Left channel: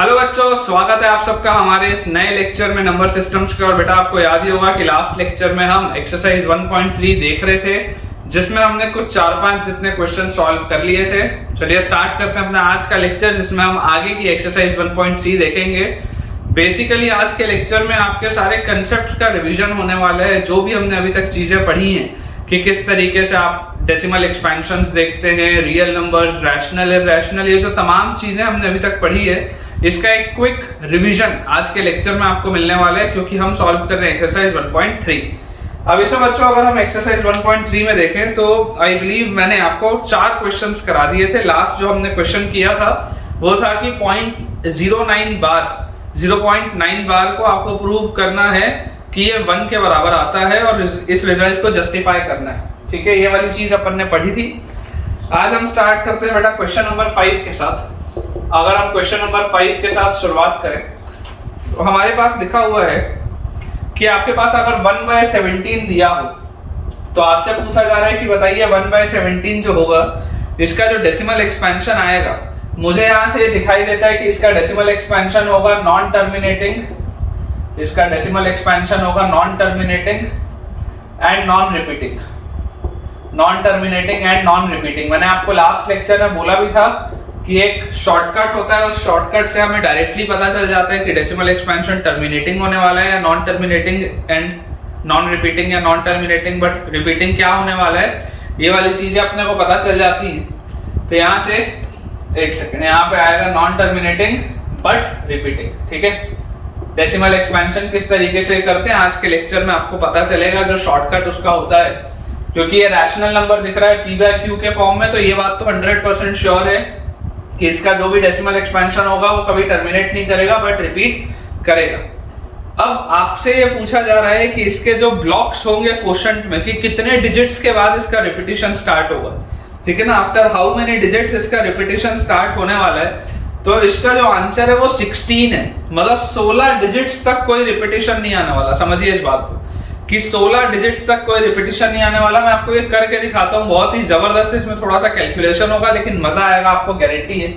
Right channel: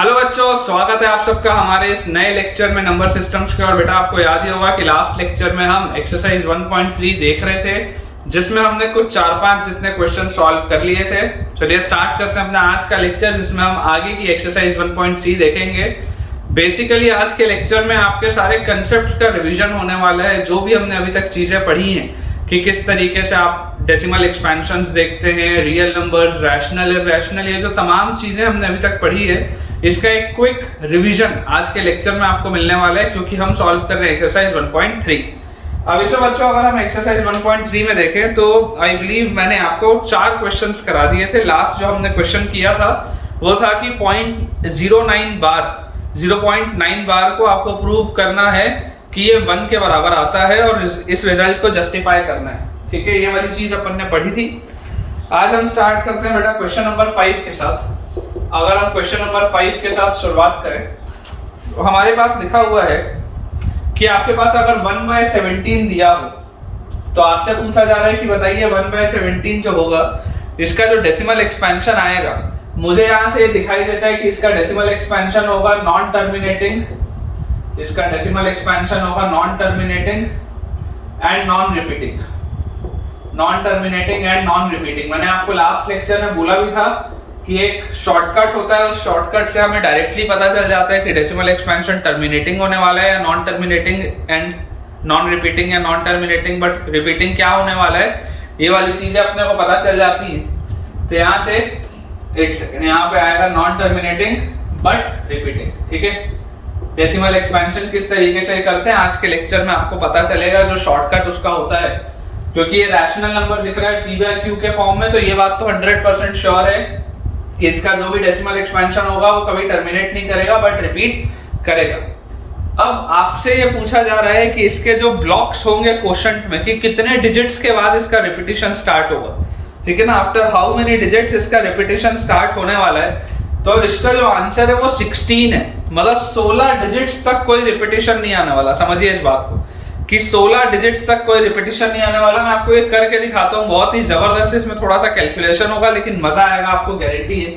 Hello बच्चों, स्वागत है आप सबका हमारे इस नए लेक्चर में नंबर सिस्टम्स के। और बेटा आपको याद ही होगा कि लास्ट लेक्चर में हम एक्सरसाइज 1.3 देख रहे थे, जिसमें हमने कुछ 4-5 जितने क्वेश्चन सॉल्व कर लिए थे। चलिए स्टार्ट करते हैं अपना आज का लेक्चर, जिसमें हम आगे की एक्सरसाइज 1.3 देखेंगे। बेसिकली आज के लेक्चर में आपके सारे कंसेप्ट्स का रिवीजन होने वाला है, जो भी हमने अभी तक चीजें पढ़ी हैं कि किस तरीके से आप डेसिमल एक्सपेंशंस देखते हैं, रियल नंबर्स, रैशनल, इरैशनल, ये जो तमाम चीजें हमने अभी तक पढ़ी है, इसका एक क्विक रिवीजन आज के लेक्चर में आपको मिलने वाला है, क्योंकि हम सॉल्व कर रहे हैं एक्सरसाइज 1.3। अब इसमें बच्चों अगर हम एक्सरसाइज 1.3 में देखें तो आई बिलीव मैंने आपको 4 क्वेश्चंस करा दिए थे। लास्ट जो हमने क्वेश्चन किया था वो था कि 0.9 बार को आपको प्रूव करना है कि ये 1 के बराबर आता है और इस रिजल्ट को जस्टिफाई करना है। ठीक है, ये वाली चीज अपन ने पढ़ी थी। आज हम स्टार्ट करते हैं बेटा क्वेश्चन नंबर 5 के साथ। अगर हम क्वेश्चन नंबर 5 के साथ शुरुआत करें तो हमारे पास लिखा हुआ है कि आपके पास अगर 1/17 दिया हो तो आपसे पूछा जा रहा है कि बताइए 1/17 जो होगा, इसका जो डेसिमल एक्सपेंशन आएगा, मुझे यहाँ से दिखाई देता है कि इसका डेसिमल एक्सपेंशन होगा नॉन टर्मिनेटिंग, इसका डेसिमल एक्सपेंशन होगा non terminating and non repeating. Non terminating and non repeating, मैंने आपको लास्ट लेक्चर में बोला भी था कि एक शॉर्टकट होता है, उस शॉर्टकट से हमें डायरेक्टली पता चल जाता है कि डेसिमल एक्सपेंशन टर्मिनेटिंग होने वाला है या non terminating and non repeating, या नॉन टर्मिनेटिंग बट रिपीटिंग क्या होने वाला है, ये वाली चीजें अपने को पता चल जाती हैं। तो यहाँ से एक सेकंड, यहाँ पे आएगा नॉन टर्मिनेटिंग बट रिपीटिंग। ठीक है, डेसिमल एक्सपेंशन किस तरीके से करते हैं आज के लेक्चर में आपको पता चलेगा, जो शॉर्टकट उसका होता है। क्योंकि ये रैशनल नंबर दिख रहा है p/q के फॉर्म में, तो ये बात तो 100% श्योर है कि इसका जो भी डेसिमल एक्सपेंशन होगा वो कभी टर्मिनेट नहीं करेगा बट रिपीट करेगा। अब आपसे ये पूछा जा रहा है कि इसके जो ब्लॉक्स होंगे क्वोशंट में, कि कितने डिजिट्स के बाद इसका रिपीटिशन स्टार्ट होगा। ठीक है ना, आफ्टर हाउ मेनी डिजिट्स इसका रिपीटिशन स्टार्ट होने वाला है। तो इसका जो आंसर है वो 16 है, मतलब 16 डिजिट्स तक कोई रिपीटिशन नहीं आने वाला। समझिए इस बात को कि 16 डिजिट्स तक कोई रिपीटिशन नहीं आने वाला। मैं आपको ये करके दिखाता हूँ, बहुत ही जबरदस्त। इसमें थोड़ा सा कैलकुलेशन होगा लेकिन मजा आएगा, आपको गारंटी है।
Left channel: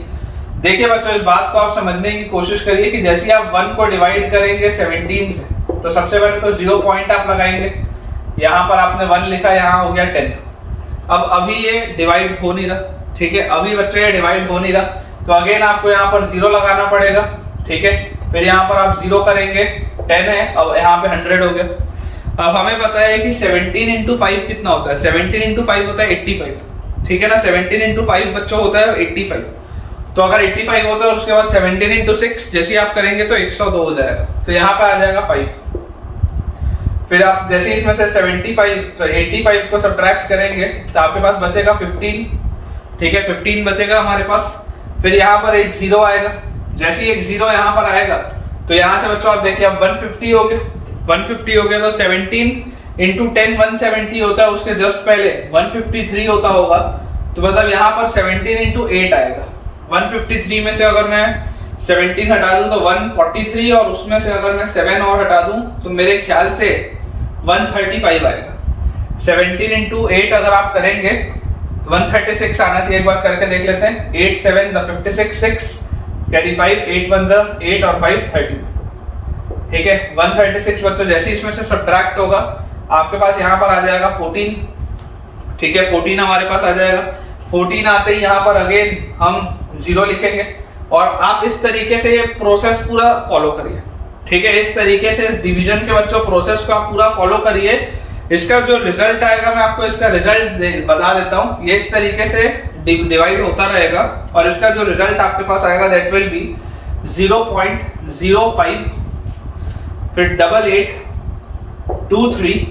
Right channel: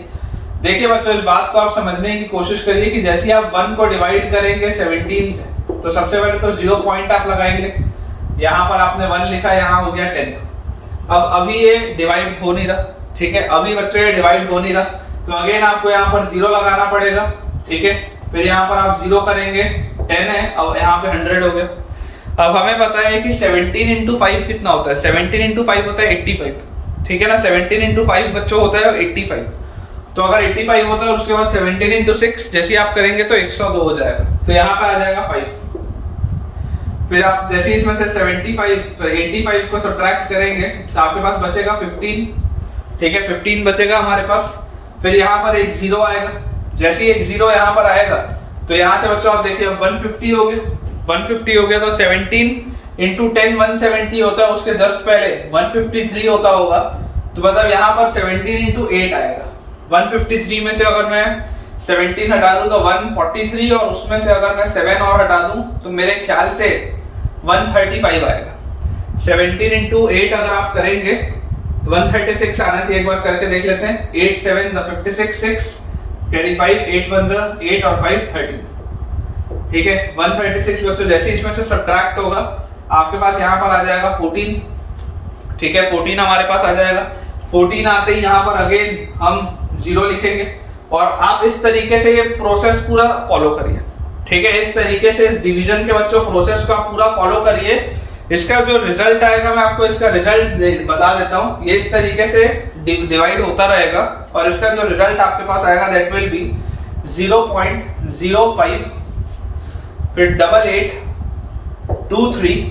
देखिए बच्चों, इस बात को आप समझने की कोशिश करिए कि जैसे आप 1 को डिवाइड करेंगे 17 से, तो सबसे पहले तो 0 पॉइंट आप लगाएंगे। यहाँ पर आपने 1 लिखा, यहाँ हो गया 10। अब अभी ये डिवाइड हो नहीं रहा। ठीक है, अभी बच्चों ये डिवाइड हो नहीं रहा, तो अगेन आपको यहाँ पर 0 लगाना पड़ेगा। ठीक है, फिर यहाँ पर आप 0 करेंगे, 10 है, अब यहाँ पे 100 हो गया। अब हमें पता है कि 17 into 5 कितना होता है, 17 into 5 होता है 85। ठीक है ना, 17 into 5 बच्चों होता है 85। तो अगर 85 होता है और उसके बाद 17 into 6 जैसे आप करेंगे तो 102 हो जाएगा, तो यहाँ पे आ जाएगा 5। फिर आप जैसे इसमें से 85 को सब्ट्रैक्ट करेंगे तो आपके पास बचेगा 15। ठीक है, 15 बचेगा हमारे पास। फिर यहाँ पर एक 0 आएगा, जैसे ही एक 0 यहाँ पर आएगा तो यहाँ से बच्चों आप देखिए अब 150 हो गया। 150 हो गया तो 17 into 10 170 होता है, उसके जस्ट पहले 153 होता होगा, तो मतलब यहाँ पर 17 into 8 आएगा। 153 में से अगर मैं 17 हटा दूं तो 143, और उसमें से अगर मैं 7 और हटा दूं तो मेरे ख्याल से 135 आएगा। 17 into 8 अगर आप करेंगे 136 आना चाहिए, एक बार करके देख लेते हैं। 8 7 56, 6 कैरी 5, 8 1 8 और 5 13। ठीक है, 136 बच्चों जैसे इसमें से सब्ट्रैक्ट होगा आपके पास यहाँ पर आ जाएगा 14। ठीक है, 14 हमारे पास आ जाएगा। 14 आते ही यहाँ पर अगेन हम 0 लिखेंगे, और आप इस तरीके से ये प्रोसेस पूरा फॉलो करिए। ठीक है, इस तरीके से इस डिवीजन के बच्चों प्रोसेस को आप पूरा फॉलो करिए। इसका जो रिजल्ट आएगा, मैं आपको इसका रिजल्ट बता देता हूँ। ये इस तरीके से डिवाइड होता रहेगा और इसका जो रिजल्ट आपके पास आएगा दैट विल बी 0.05, फिर 8823,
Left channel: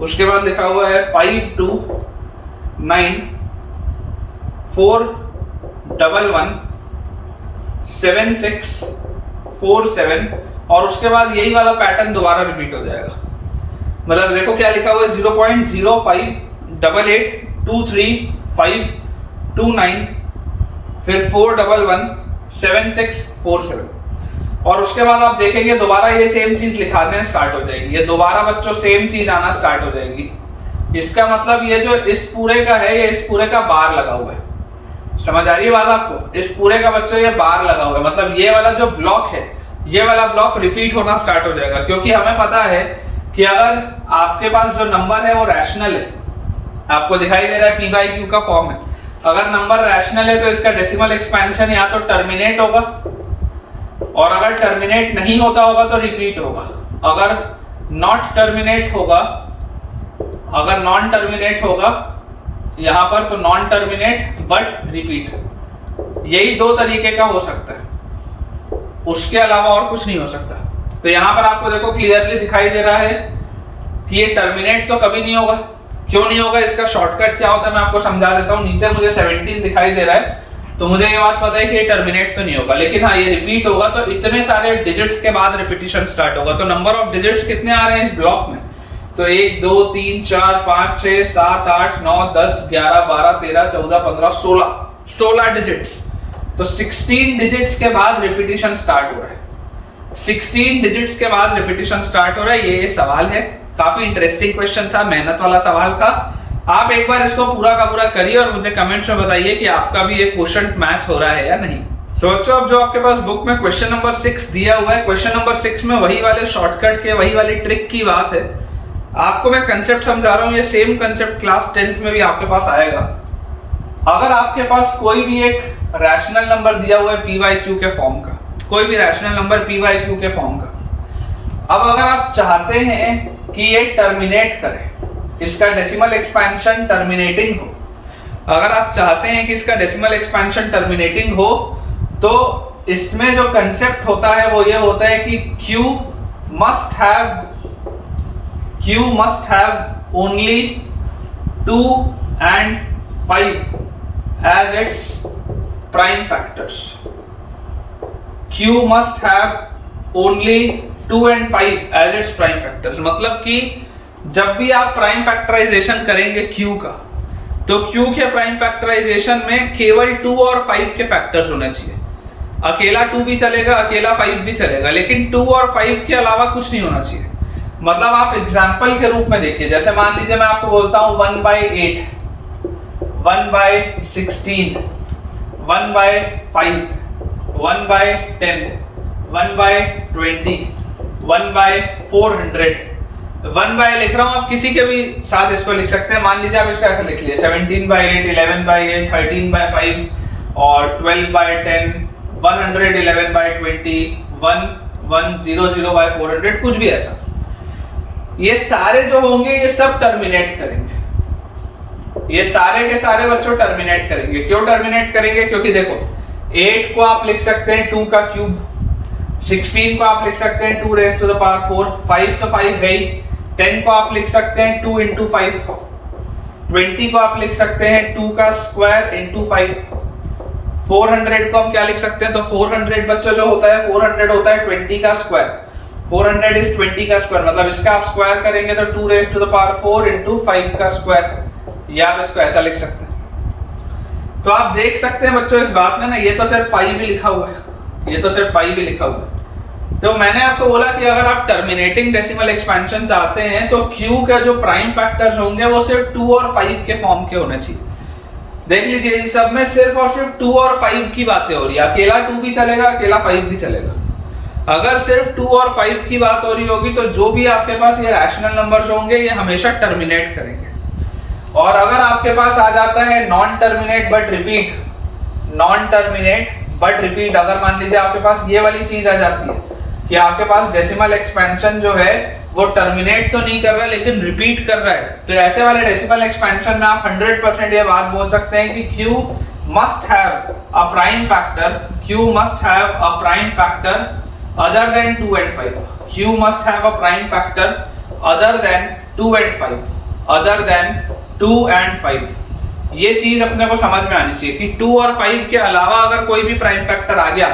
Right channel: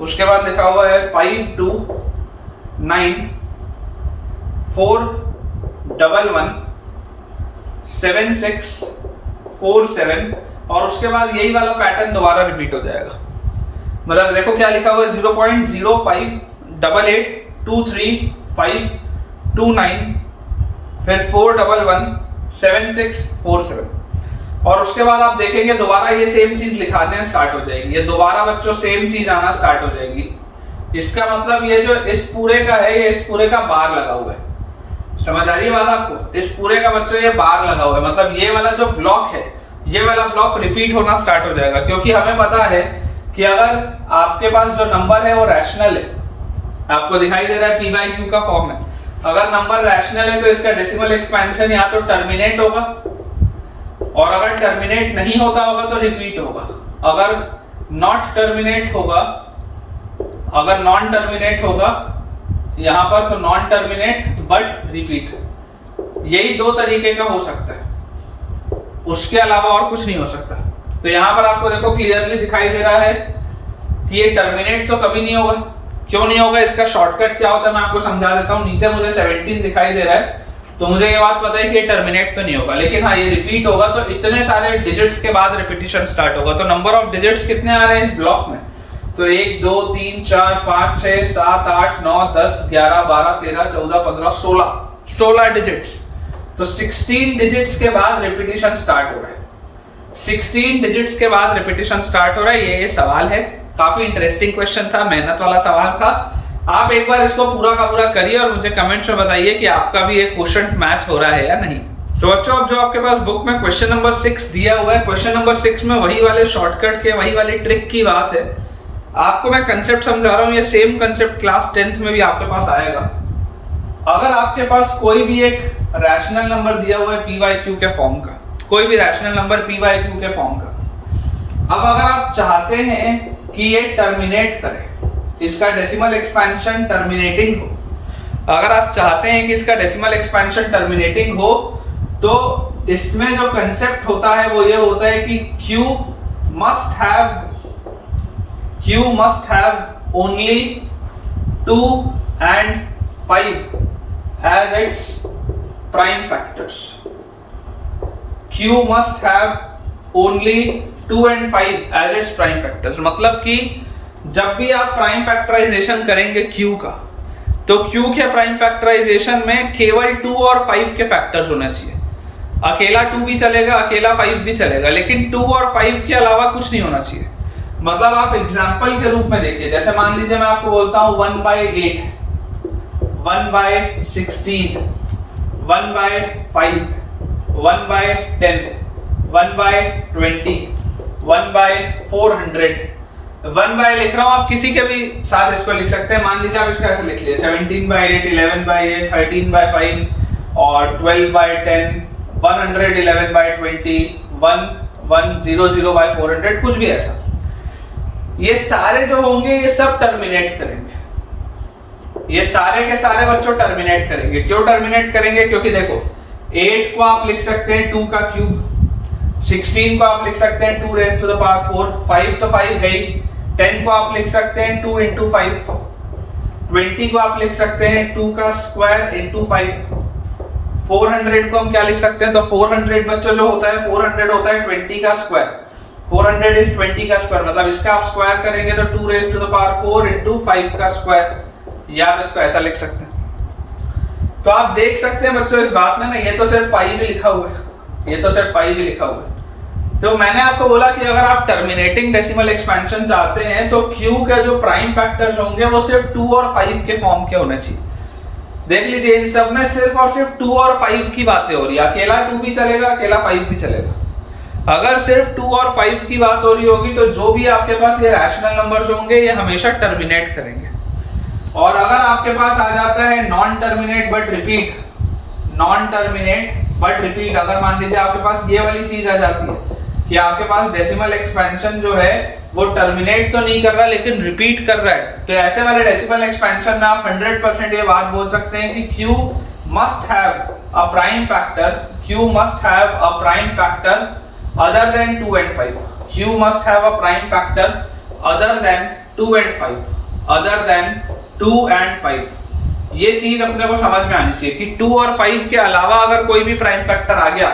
उसके बाद लिखा हुआ है 5294117647, और उसके बाद यही वाला पैटर्न दोबारा रिपीट हो जाएगा। मतलब देखो क्या लिखा हुआ है, 0.0588235529, फिर 4117647, और उसके बाद आप देखेंगे दोबारा ये सेम चीज लिखाने स्टार्ट हो जाएगी। ये दोबारा बच्चों सेम चीज आना स्टार्ट हो जाएगी। इसका मतलब ये जो इस पूरे का है, ये इस पूरे का बार लगा हुआ है। समझ आ रही है बात आपको? इस पूरे का बच्चों ये बार लगा हुआ है, मतलब ये वाला जो ब्लॉक है, ये वाला ब्लॉक रिपीट होना स्टार्ट हो जाएगा, क्योंकि हमें पता है कि अगर आपके पास जो नंबर है वो रैशनल है, आपको दिखाई दे रहा है p बाई क्यू का फॉर्म है, अगर नंबर रैशनल है तो इसका डेसिमल एक्सपेंशन या तो टर्मिनेट होगा, और अगर टर्मिनेट नहीं होता होगा तो रिपीट होगा। अगर नॉट टर्मिनेट होगा, अगर नॉन टर्मिनेट होगा यहां पर, तो नॉन टर्मिनेट बट रिपीट, यही दो तरीके का हो सकता है, उसके अलावा और कुछ नहीं हो सकता। तो यहां पर आपको देखो क्लियरली दिखाई दे रहा है कि ये टर्मिनेट तो कभी नहीं होगा। क्यों नहीं होगा, इसका शॉर्टकट क्या होता है मैं आपको समझा देता हूं। नीचे मुझे 17 दिखाई दे रहा है, तो मुझे ये बात पता है कि ये टर्मिनेट तो नहीं होगा, लेकिन हाँ ये रिपीट होगा। तो इतने सारे डिजिट्स के बाद रिपीटिशन स्टार्ट होगा। तो नंबर ऑफ डिजिट्स कितने आ रहे हैं इस ब्लॉक में, तो 1 2 3 4 5 6 7 8 9 10 11 12 13 14 15 16 डिजिट्स। तो 16 डिजिट्स के बाद रिपीटिशन स्टार्ट हो रहा है, 16 डिजिट्स के बाद रिपीटिशन स्टार्ट हो रहा है। ये सवाल है, काफी इंटरेस्टिंग क्वेश्चन था, मेहनत वाला सवाल था। आप एक बार इसको पूरा का पूरा करिए और मुझे कमेंट्स में बताइए कि आपका भी ये क्वेश्चन मैच हो रहा है या नहीं। सो बच्चों, अब जो आपके पास बुक में क्वेश्चन नंबर 6 दिया हुआ है, क्वेश्चन नंबर 6 में वही वाले शॉर्टकट के, वही वाली ट्रिक की बात है। आपको मैं कंसेप्ट समझा रहा हूँ, ये सेम कंसेप्ट क्लास 10th में भी आपके पास आएगा। अगर आपके पास कोई भी एक रैशनल नंबर दिया हुआ है p बाई क्यू के फॉर्म का, कोई भी rational number p by Q के फॉर्म का, अब अगर आप चाहते हैं कि ये टर्मिनेट करे, इसका डेसिमल एक्सपेंशन टर्मिनेटिंग हो, अगर आप चाहते हैं कि इसका डेसिमल एक्सपेंशन टर्मिनेटिंग हो, तो इसमें जो कंसेप्ट होता है वो ये होता है कि Q must have only 2 and 5 as its prime factors. Q must have only 2 and 5 as its prime factors। मतलब कि जब भी आप प्राइम फैक्टराइजेशन करेंगे Q का, तो Q के प्राइम फैक्टराइजेशन में केवल 2 और 5 के फैक्टर्स होने चाहिए। अकेला 2 भी चलेगा, अकेला 5 भी चलेगा, लेकिन 2 और 5 के अलावा कुछ नहीं होना चाहिए। मतलब आप एग्जाम्पल के रूप में देखिए, जैसे मान लीजिए मैं आपको बोलता हूं 1/8, 1/16, 1/5, 1/10, 1/20, 1/400, 1/, लिख रहा हूं, आप किसी के भी साथ इसको लिख सकते हैं। मान लीजिए आप इसको ऐसे लिख लिए 17/8, 11/8, 13/5 और 12/10, 111/20, 1100/400, कुछ भी ऐसा। ये सारे जो होंगे ये सब टर्मिनेट करेंगे, ये सारे के सारे बच्चों टर्मिनेट करेंगे। क्यों टर्मिनेट करेंगे, क्योंकि देखो 8 को आप लिख सकते हैं 2 का क्यूब, 16 को आप लिख सकते हैं 2 raised to the power 4, 5 तो 5 है ही, 10 को आप लिख सकते हैं 2 into 5, 20 को आप लिख सकते हैं 2 का स्क्वायर into 5, 400 को हम क्या लिख सकते हैं, तो 400 बच्चों जो होता है 400 होता है 20 का स्क्वायर, 400 is 20 का स्क्वायर, मतलब इसका आप स्क्वायर करेंगे तो 2 raised to the power 4 into 5 का स्क्वायर, या आप इसको ऐसा लिख सकते हैं। तो आप देख सकते हैं बच्चों इस बात में ना, ये तो सिर्फ 5 ही लिखा हुआ है, ये तो सिर्फ 5 ही लिखा हुआ है। तो मैंने आपको बोला कि अगर आप टर्मिनेटिंग डेसिमल एक्सपेंशन चाहते हैं तो Q के जो प्राइम फैक्टर्स होंगे वो सिर्फ 2 और 5 के फॉर्म के होने चाहिए। देख लीजिए इन सब में सिर्फ और सिर्फ 2 और 5 की बातें हो रही है, अकेला 2 भी चलेगा, अकेला 5 भी चलेगा। अगर सिर्फ 2 और 5 की बात हो रही होगी तो जो भी आपके पास ये रैशनल नंबर्स होंगे ये हमेशा टर्मिनेट करेंगे। और अगर आपके पास आ जाता है non terminate but repeat, non terminate but repeat, अगर मान लीजिए आपके पास ये वाली चीज आ जाती है कि आपके पास डेसिमल एक्सपेंशन जो है वो टर्मिनेट तो नहीं कर रहा लेकिन रिपीट कर रहा है, तो ऐसे वाले डेसिमल एक्सपेंशन में आप 100% ये बात बोल सकते हैं कि Q must have a prime factor, Q must have a prime factor other than 2 and 5, Q must have a prime factor other than 2 and 5, other than 2 and 5। ये चीज अपने को समझ में आनी चाहिए कि 2 और 5 के अलावा अगर कोई भी प्राइम फैक्टर आ गया,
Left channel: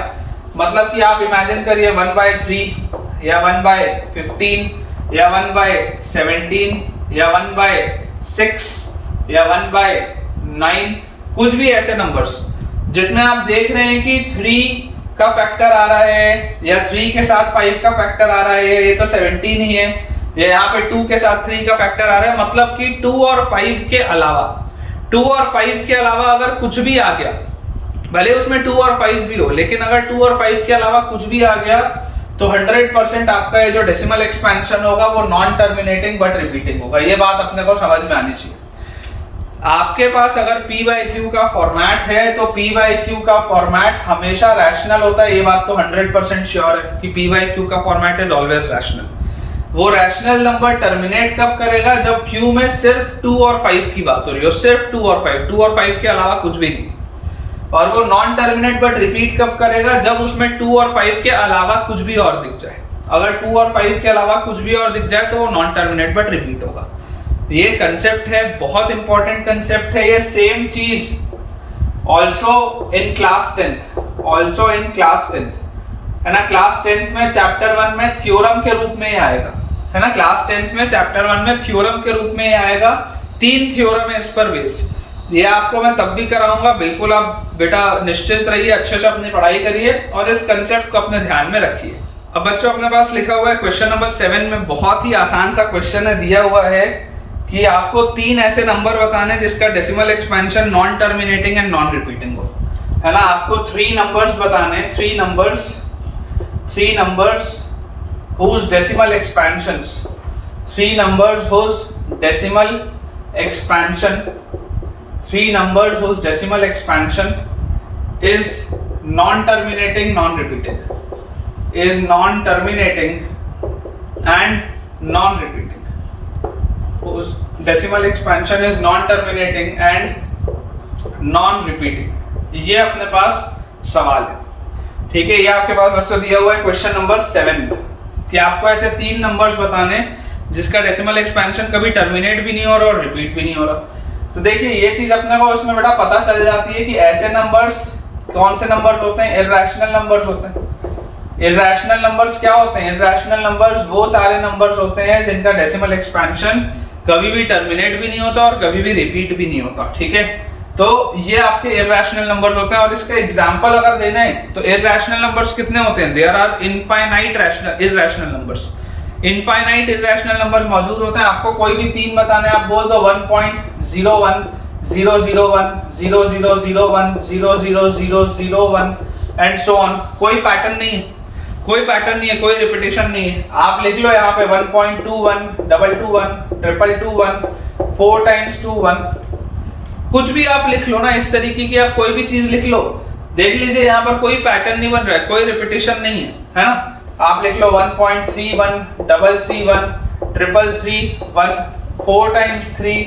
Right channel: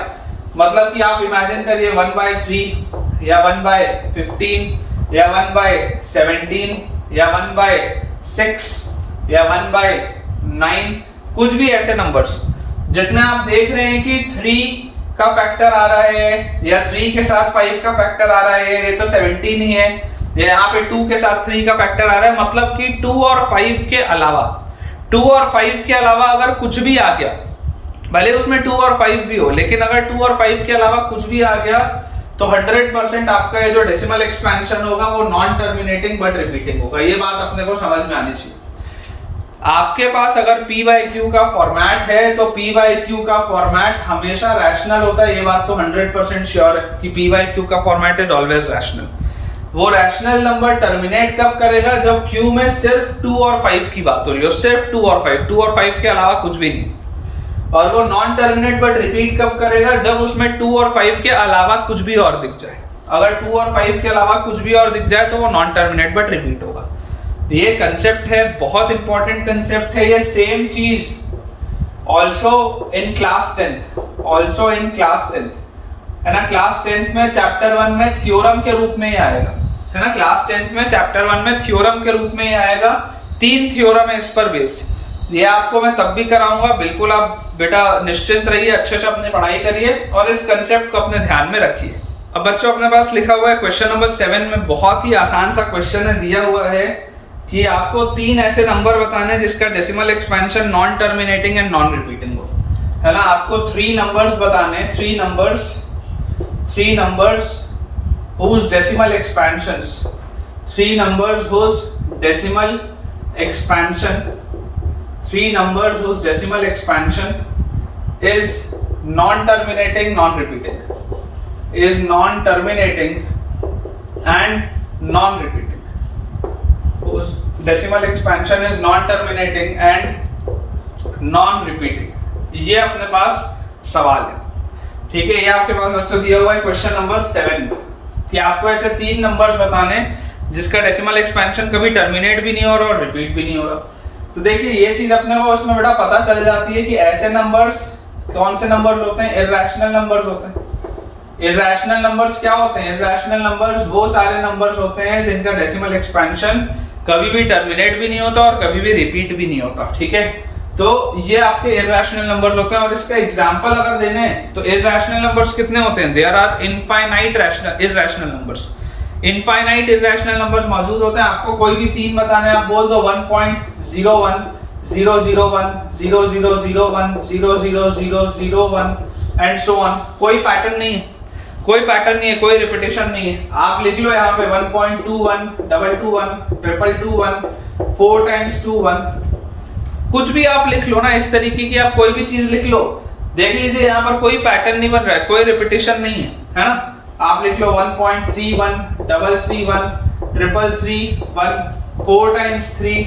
मतलब कि आप इमेजिन करिए 1/3 या 1/15 या 1/17 या 1/6 या 1/9, कुछ भी ऐसे नंबर्स जिसमें आप देख रहे हैं कि 3 का फैक्टर आ रहा है या 3 के साथ 5 का फैक्टर आ रहा है, ये तो 17 ही है, ये यहाँ पे 2 के साथ 3 का फैक्टर आ रहा है, मतलब कि 2 और 5 के अलावा, 2 और 5 के अलावा अगर कुछ भी आ गया भले उसमें 2 और 5 भी हो, लेकिन अगर 2 और 5 के अलावा कुछ भी आ गया तो 100% आपका ये जो डेसिमल एक्सपेंशन होगा वो नॉन टर्मिनेटिंग बट रिपीटिंग होगा। ये बात अपने को समझ में आनी चाहिए। आपके पास अगर P/Q का फॉर्मेट है तो P/Q का फॉर्मेट हमेशा रैशनल होता है। ये बात तो 100% श्योर है कि P/Q का फॉर्मेट इज ऑलवेज रैशनल। वो रैशनल नंबर टर्मिनेट कब करेगा? जब Q में सिर्फ 2 और 5 की बात हो रही हो, सिर्फ 2 और 5, 2 और 5 के अलावा कुछ भी नहीं। और वो नॉन टर्मिनेट बट रिपीट कब करेगा? जब उसमें 2 और 5 के अलावा कुछ भी और दिख जाए। अगर 2 और 5 के अलावा कुछ भी और दिख जाए तो वो नॉन टर्मिनेट बट रिपीट होगा। ये कंसेप्ट है, बहुत इंपॉर्टेंट कंसेप्ट है। ये सेम चीज also in class 10th, also in class 10th है ना। क्लास 10th में चैप्टर 1 में थ्योरम के रूप में आएगा, है ना। क्लास 10th में चैप्टर 1 में थ्योरम के रूप में आएगा। 3 थ्योरम है इस पर बेस्ड। ये आपको मैं तब भी कराऊंगा, बिल्कुल आप बेटा निश्चिंत रहिए, अच्छे से अपनी पढ़ाई करिए और इस कंसेप्ट को अपने ध्यान में रखिए। अब बच्चों अपने पास लिखा हुआ है क्वेश्चन नंबर 7 में, बहुत ही आसान सा क्वेश्चन है, दिया हुआ है कि आपको 3 ऐसे नंबर बताने जिसका decimal expansion non terminating and non repeating हो, है ना। आपको 3 नंबर्स बताने, 3 numbers whose decimal expansions, 3 numbers whose decimal expansion, 3 numbers whose decimal expansion is non-terminating, non-repeating, is non-terminating and non-repeating, whose decimal expansion is non-terminating and non-repeating। ये अपने पास सवाल है, ठीक है। ये आपके पास बच्चों दिया हुआ है क्वेश्चन नंबर 7 में कि आपको ऐसे 3 नंबर्स बताने जिसका डेसिमल एक्सपेंशन कभी टर्मिनेट भी नहीं हो रहा और रिपीट भी नहीं हो रहा। तो देखिए ये चीज अपने को उसमें बेटा पता चल जाती है कि ऐसे नंबर्स कौन से नंबर्स होते हैं? इर्रेशनल नंबर्स होते हैं। इर्रेशनल नंबर्स क्या होते हैं? इर्रेशनल नंबर्स वो सारे नंबर्स होते हैं जिनका डेसिमल एक्सपेंशन कभी भी टर्मिनेट भी नहीं होता और कभी भी रिपीट भी नहीं होता, ठीक है। तो ये आपके इर्रेशनल नंबर्स होते हैं। और इसका एग्जांपल अगर देने तो इर्रेशनल नंबर्स कितने होते हैं? There are infinite irrational numbers. Infinite irrational numbers मौजूद होते हैं। आपको कोई भी 3 बताने, आप बोल दो 1.01, 001, 0001, 00001 एंड सो ऑन। कोई पैटर्न नहीं है, कोई पैटर्न नहीं है, कोई रिपीटेशन नहीं है। आप लिख लो यहाँ पे 1.21, 221, 221, 4 times 2 1, कुछ भी आप लिख लो ना इस तरीके की, आप कोई भी चीज लिख लो। देख लीजिए यहाँ पर कोई पैटर्न नहीं बन रहा है, कोई रिपीटेशन नहीं है ना। आप लिख लो 1.31, 331, 333, 4 times 3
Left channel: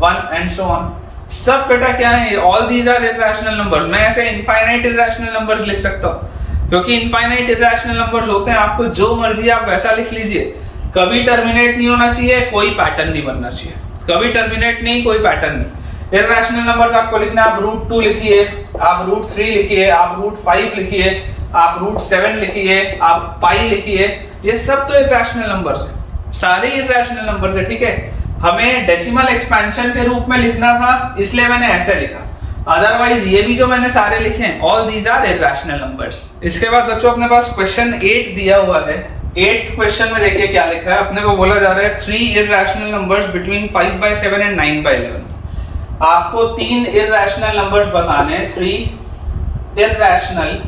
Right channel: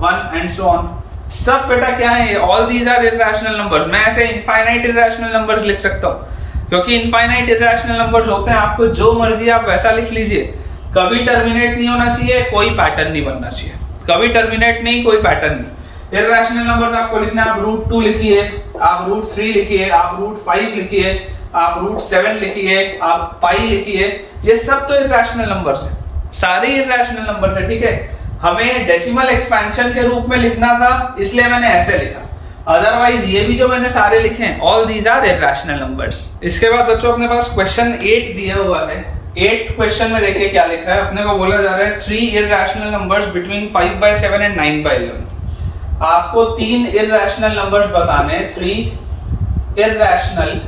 1 एंड सो ऑन। सब बेटा क्या है? All these are irrational numbers. मैं ऐसे इनफाइनाइट इर्रेशनल नंबर्स लिख सकता हूँ क्योंकि इनफाइनाइट इर्रेशनल नंबर्स होते हैं। आपको जो मर्जी आप वैसा लिख लीजिए, कभी टर्मिनेट नहीं होना चाहिए, कोई पैटर्न नहीं बनना चाहिए। कभी टर्मिनेट नहीं, कोई पैटर्न नहीं। इर्रेशनल नंबर्स आपको लिखना, आप √2 लिखिए, आप √3 लिखिए, आप √5 लिखिए, आप √7 लिखिए, आप पाई लिखिए। ये सब तो इर्रेशनल नंबर्स हैं, सारे इर्रेशनल नंबर्स है, ठीक है। हमें डेसिमल एक्सपेंशन के रूप में लिखना था, इसलिए मैंने ऐसे लिखा। अदरवाइज ये भी जो मैंने सारे लिखे हैं, all these are irrational numbers. इसके बाद बच्चों अपने पास क्वेश्चन 8 दिया हुआ है। 8th क्वेश्चन में देखिए क्या लिखा है। अपने को बोला जा रहा है 3 इर्रेशनल नंबर्स बिटवीन 5/7 एंड 9/11। आपको 3 इर्रेशनल नंबर्स बताने, 3 irrational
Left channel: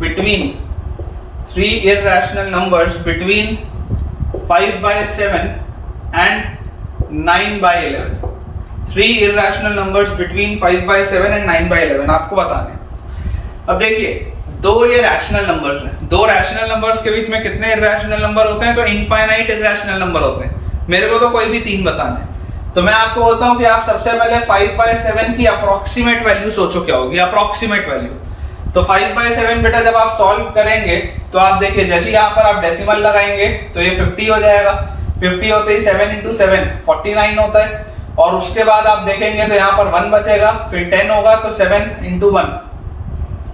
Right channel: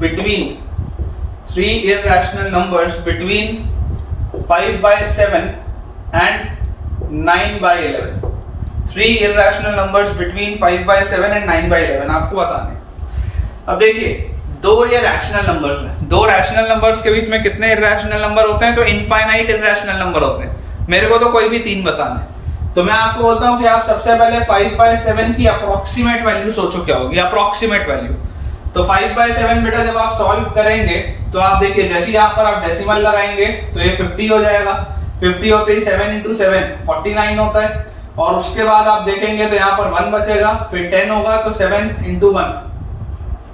between 5/7 and 9/11। 3 irrational numbers between 5/7 and 9/11 आपको बताने। अब देखिए 2 ये रैशनल नंबर्स हैं। 2 रैशनल नंबर्स के बीच में कितने इर्रेशनल नंबर होते हैं? तो इनफाइनाइट इर्रेशनल नंबर होते हैं। मेरे को तो कोई भी 3 बताने, तो मैं आपको बोलता हूं कि आप सबसे पहले 5/7 की अप्रोक्सीमेट वैल्यू सोचो क्या होगी। अप्रोक्सीमेट वैल्यू तो 5/7 बेटा जब आप सॉल्व करेंगे तो आप देखिए जैसे यहाँ पर आप डेसिमल लगाएंगे तो ये 50 हो जाएगा। 50 होते ही 7 × 7 49 होता है। और उसके बाद आप देखेंगे तो यहाँ पर 1 बचेगा, फिर 10 होगा तो 7 × 1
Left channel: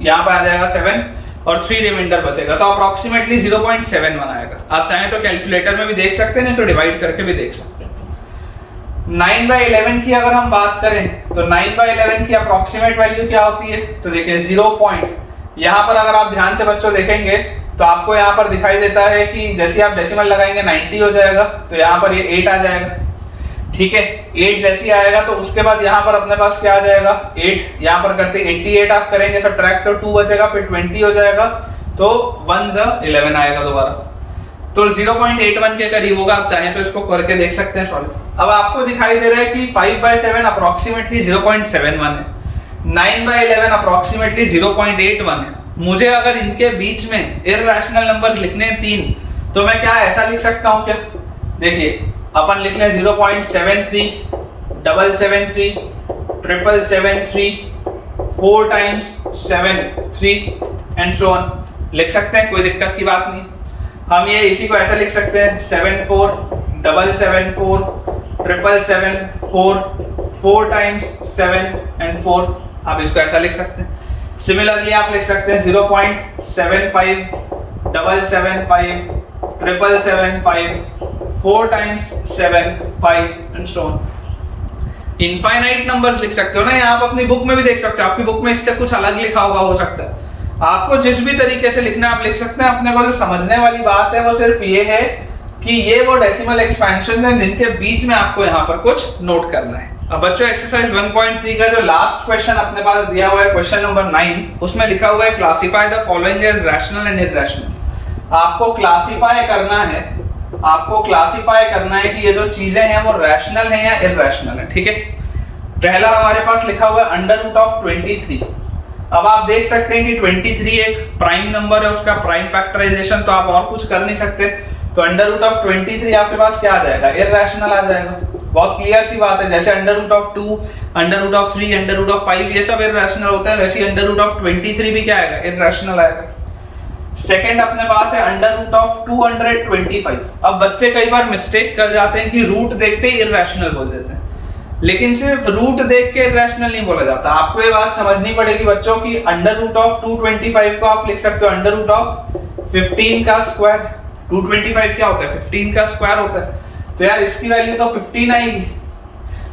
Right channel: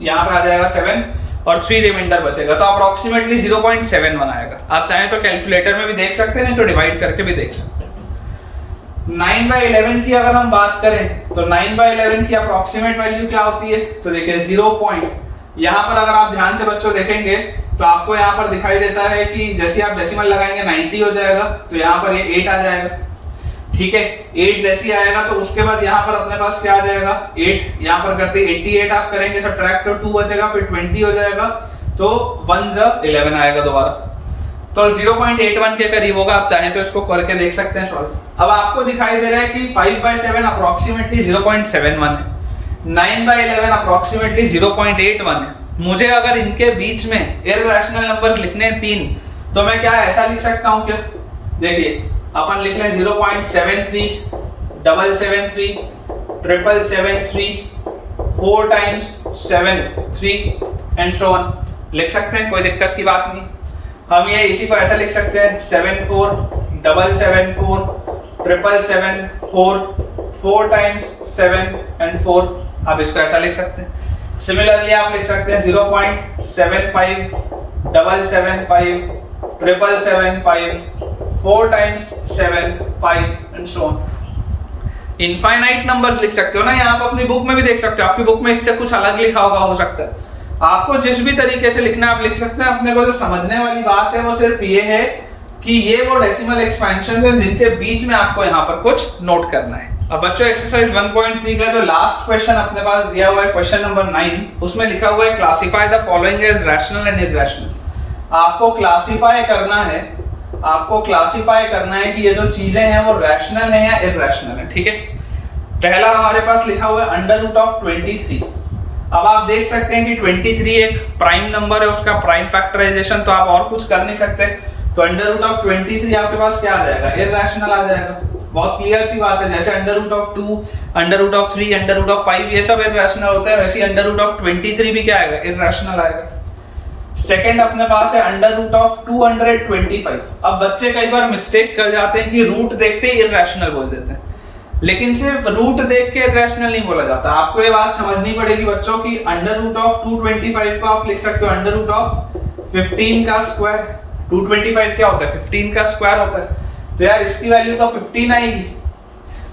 यहाँ पे आ जाएगा 7 और 3 रिमाइंडर बचेगा, तो अप्रोक्सीमेटली 0.71 आएगा। आप चाहें तो कैलकुलेटर में भी देख सकते हैं, नहीं तो डिवाइड करके भी देख सकते हैं। 9/11 की अगर हम बात करें तो 9/11 की अप्रोक्सीमेट वैल्यू क्या होती है? तो देखिए 0 पॉइंट, यहाँ पर अगर आप ध्यान से बच्चों देखेंगे तो आपको यहाँ पर दिखाई देता है कि जैसे आप डेसिमल लगाएंगे 90 हो जाएगा, तो यहाँ पर ये 8 आ जाएगा। ठीक है। 8 जैसे ही आएगा तो उसके बाद यहाँ पर अपने पास क्या आ जाएगा 8, यहाँ पर करते 88 आप करेंगे सब्ट्रैक्ट तो 2 बचेगा, फिर 20 हो जाएगा तो 1 11 आएगा दोबारा, तो 0.81 के करीब होगा। आप चाहें तो इसको करके देख सकते हैं सॉल्व। अब आपको दिखाई दे रहा है कि 5/7 अप्रोक्सीमेटली 0.71 है, 9/11 अप्रोक्सीमेटली 0.81 है। मुझे अगर इनके बीच में इररेशनल नंबर्स लिखने हैं 3, तो मैं क्या ऐसा लिख सकता हूं क्या, देखिए अपन लिख लें 0.73, 773, 777, 4 times 7, 3 एंड सो ऑन लिख सकते हैं, कोई दिक्कत की बात नहीं। हम ये इसी को ऐसा लिख सकते हैं 74, 774, 777, 4 times 7 and 4, आप इसको ऐसा लिख सकते हैं। सिमिलरली आप लिख सकते हैं 0.75, 775, 775, 4 times 7, 5 and so on। Infinite numbers लिख सकते हो ना, आप अपनी बुक में भी देख सकते हो, आपकी बुक में इससे कुछ अलग लिखा होगा, हो सकता है आपको जिस भी तरीके से लिखना है आप लिख सकते हैं। अपने को जो समझने वाली बात है वो सिर्फ ये है कि ये वो डेसिमल एक्सपेंशन है जिनके बीच में आपको यहाँ पर कुछ नोट करना है। अब बच्चों एक्सरसाइज 1.3 का जो लास्ट क्वेश्चन अपने पास दिया हुआ है, क्वेश्चन नंबर 9, उसमें लिखा हुआ है classify the following as rational and irrational. आपको क्लासिफाई करना है, आपको क्लासिफाई करना है कि ये जो चीजें हैं वो रैशनल है या इररेशनल है, ठीक है। पहला हमारे पास लिखा हुआ है अंडर रूट ऑफ 23। अब आप देख सकते हैं कि 23 एक प्राइम नंबर है, उसका प्राइम फैक्टराइजेशन तो आप और कुछ कर नहीं सकते, तो अंडर रूट ऑफ 23 आपके पास क्या आ जाएगा, इररेशनल आ जाएगा। बहुत क्लियर सी बात है, जैसे under root of 2, under root of 3, under root of 5 ये सब इररेशनल होता है, वैसे ही अंडर रूट ऑफ 23 भी क्या आएगा, इररेशनल आएगा। सेकंड अपने पास है अंडर रूट ऑफ 225। अब बच्चे कई बार मिस्टेक कर जाते हैं कि रूट देखते ही इररेशनल बोल देते हैं, लेकिन सिर्फ रूट देख के इररेशनल नहीं बोला जाता। आपको ये बात समझनी पड़ेगी बच्चों की अंडर रूट ऑफ 225 को आप लिख सकते हो अंडर रूट ऑफ 15 का स्क्वायर। 225 क्या होता है, 15 का स्क्वायर होता है, तो यार इसकी वैल्यू तो 15 आएगी।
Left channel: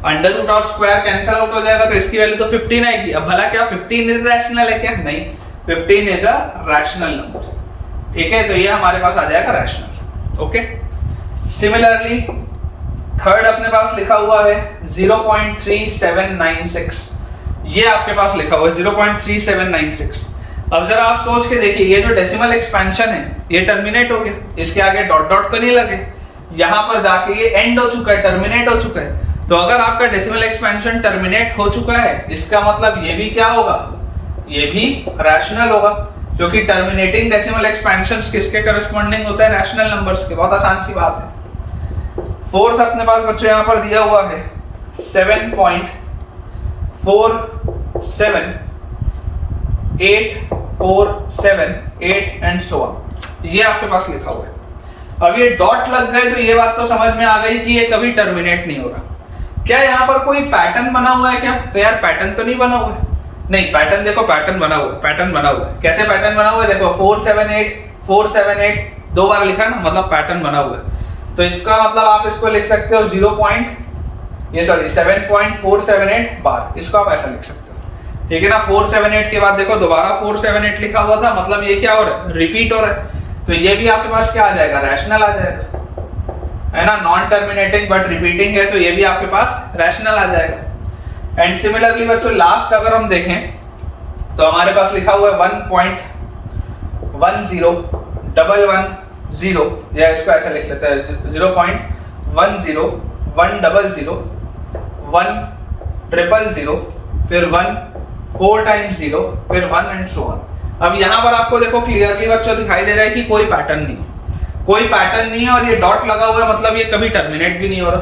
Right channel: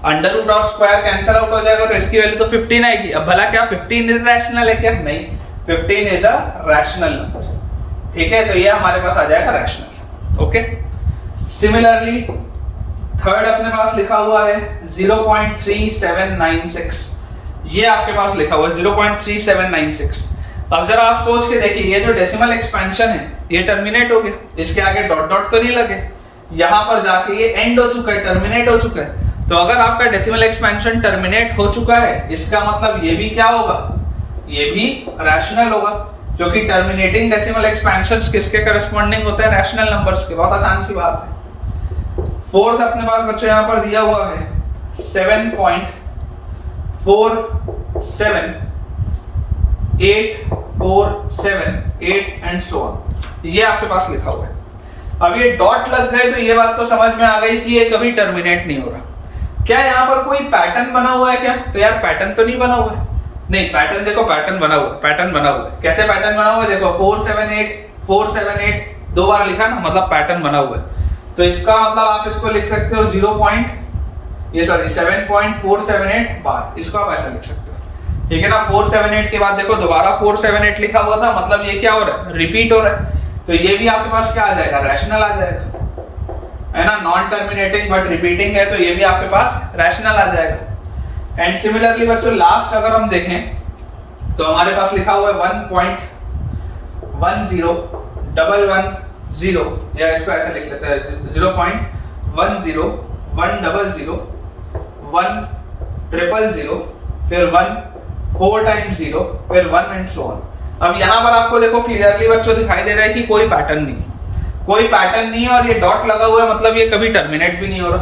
Under root of square cancel out हो जाएगा तो इसकी वैल्यू तो 15 आएगी। अब भला क्या 15 इररेशनल है क्या, नहीं, 15 इज अ रैशनल नंबर, ठीक है। तो ये हमारे पास आ जाएगा रैशनल, ओके। सिमिलरली थर्ड अपने पास लिखा हुआ है 0.3796, ये आपके पास लिखा हुआ है 0.3796। अब जरा आप सोच के देखिए, ये जो डेसिमल एक्सपेंशन है ये टर्मिनेट हो गया, इसके आगे डॉट डॉट तो नहीं लगे, यहां पर जाके ये एंड हो चुका है, टर्मिनेट हो चुका है। तो अगर आपका डेसिमल एक्सपेंशन टर्मिनेट हो चुका है, इसका मतलब ये भी क्या होगा, ये भी रैशनल होगा, क्योंकि टर्मिनेटिंग डेसिमल एक्सपेंशंस किसके करस्पॉन्डिंग होते हैं, रैशनल नंबर्स के। बहुत आसान सी बात है। फोर्थ अपने पास बच्चों यहाँ पर दिया हुआ है 7.47847 8 एंड सो ऑन, ये आपके पास लिखा हुआ है। अब ये डॉट लग गए तो ये बात तो समझ में आ गई कि ये कभी टर्मिनेट नहीं हो रहा। क्या यहाँ पर कोई पैटर्न बना हुआ है क्या, तो यार पैटर्न तो नहीं बना हुआ है, नहीं पैटर्न देखो, पैटर्न बना हुआ है, पैटर्न बना हुआ है। कैसे पैटर्न बना हुआ है, देखो 478 दो बार लिखा ना, मतलब पैटर्न बना हुआ है। तो इसका मतलब आप इसको लिख सकते हो 7.478 बार, इसको आप ऐसा लिख सकते हो, ठीक है ना। 478 के बाद देखो दोबारा 478 लिखा हुआ था, मतलब ये क्या हो रहा है, रिपीट हो रहा है, तो ये भी आपके पास क्या आ जाएगा, रैशनल आ जाएगा, है ना। नॉन टर्मिनेटिंग बट रिपीटिंग है, तो ये भी आपके पास रैशनल आ जाएगा। एंड सिमिलरली बच्चों लास्ट अगर हम देखें तो हमारे पास लिखा हुआ है 1.10110, या इसको ऐसा लिख लेते हैं 0.10100, फिर 1 4 times 0, फिर 1 एंड सो ऑन। अब यहाँ पर आपको देखो क्लियरली बच्चों दिखाई दे रहा है कि कोई पैटर्न नहीं, कोई पैटर्न नहीं है, और ये डॉट लगा हुआ है, मतलब ये कभी टर्मिनेट भी नहीं हो रहा।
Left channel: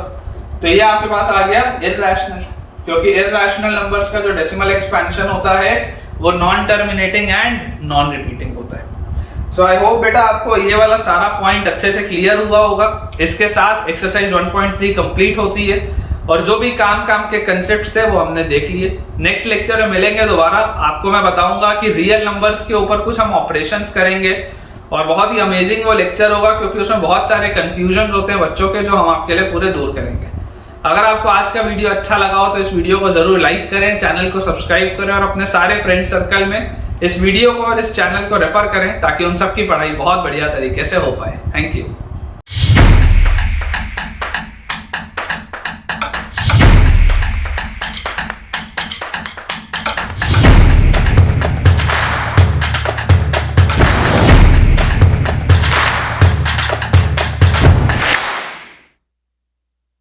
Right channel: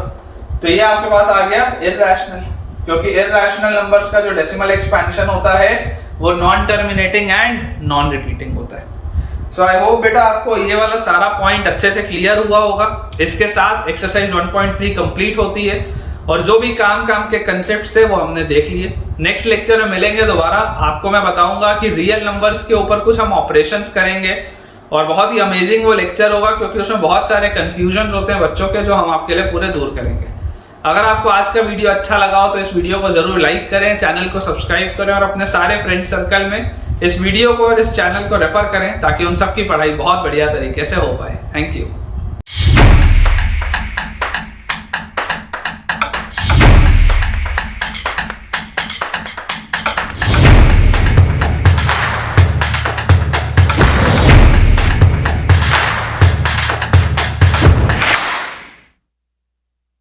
तो ये आपके पास आ गया इररेशनल, क्योंकि इररेशनल नंबर्स का जो डेसिमल एक्सपेंशन होता है वो non terminating and non repeating होता है। सो आई होप बेटा आपको ये वाला सारा पॉइंट अच्छे से क्लियर हुआ होगा। इसके साथ एक्सरसाइज 1.3 कंप्लीट होती है, और जो भी काम के कंसेप्ट्स थे वो हमने देख लिए। नेक्स्ट लेक्चर में मिलेंगे दोबारा, आपको मैं बताऊंगा कि रियल नंबर्स के ऊपर कुछ हम ऑपरेशंस करेंगे, और बहुत ही अमेजिंग वो लेक्चर होगा, क्योंकि उसमें बहुत सारे कंफ्यूजन होते हैं बच्चों के, जो हम आपके लिए पूरे दूर करेंगे। अगर आपको आज का वीडियो अच्छा लगा हो तो इस वीडियो को जरूर लाइक करें, चैनल को सब्सक्राइब करें, और अपने सारे फ्रेंड सर्कल में इस वीडियो को और इस चैनल को रेफर करें, ताकि उन सबकी पढ़ाई बहुत बढ़िया तरीके से हो पाए। Thank you.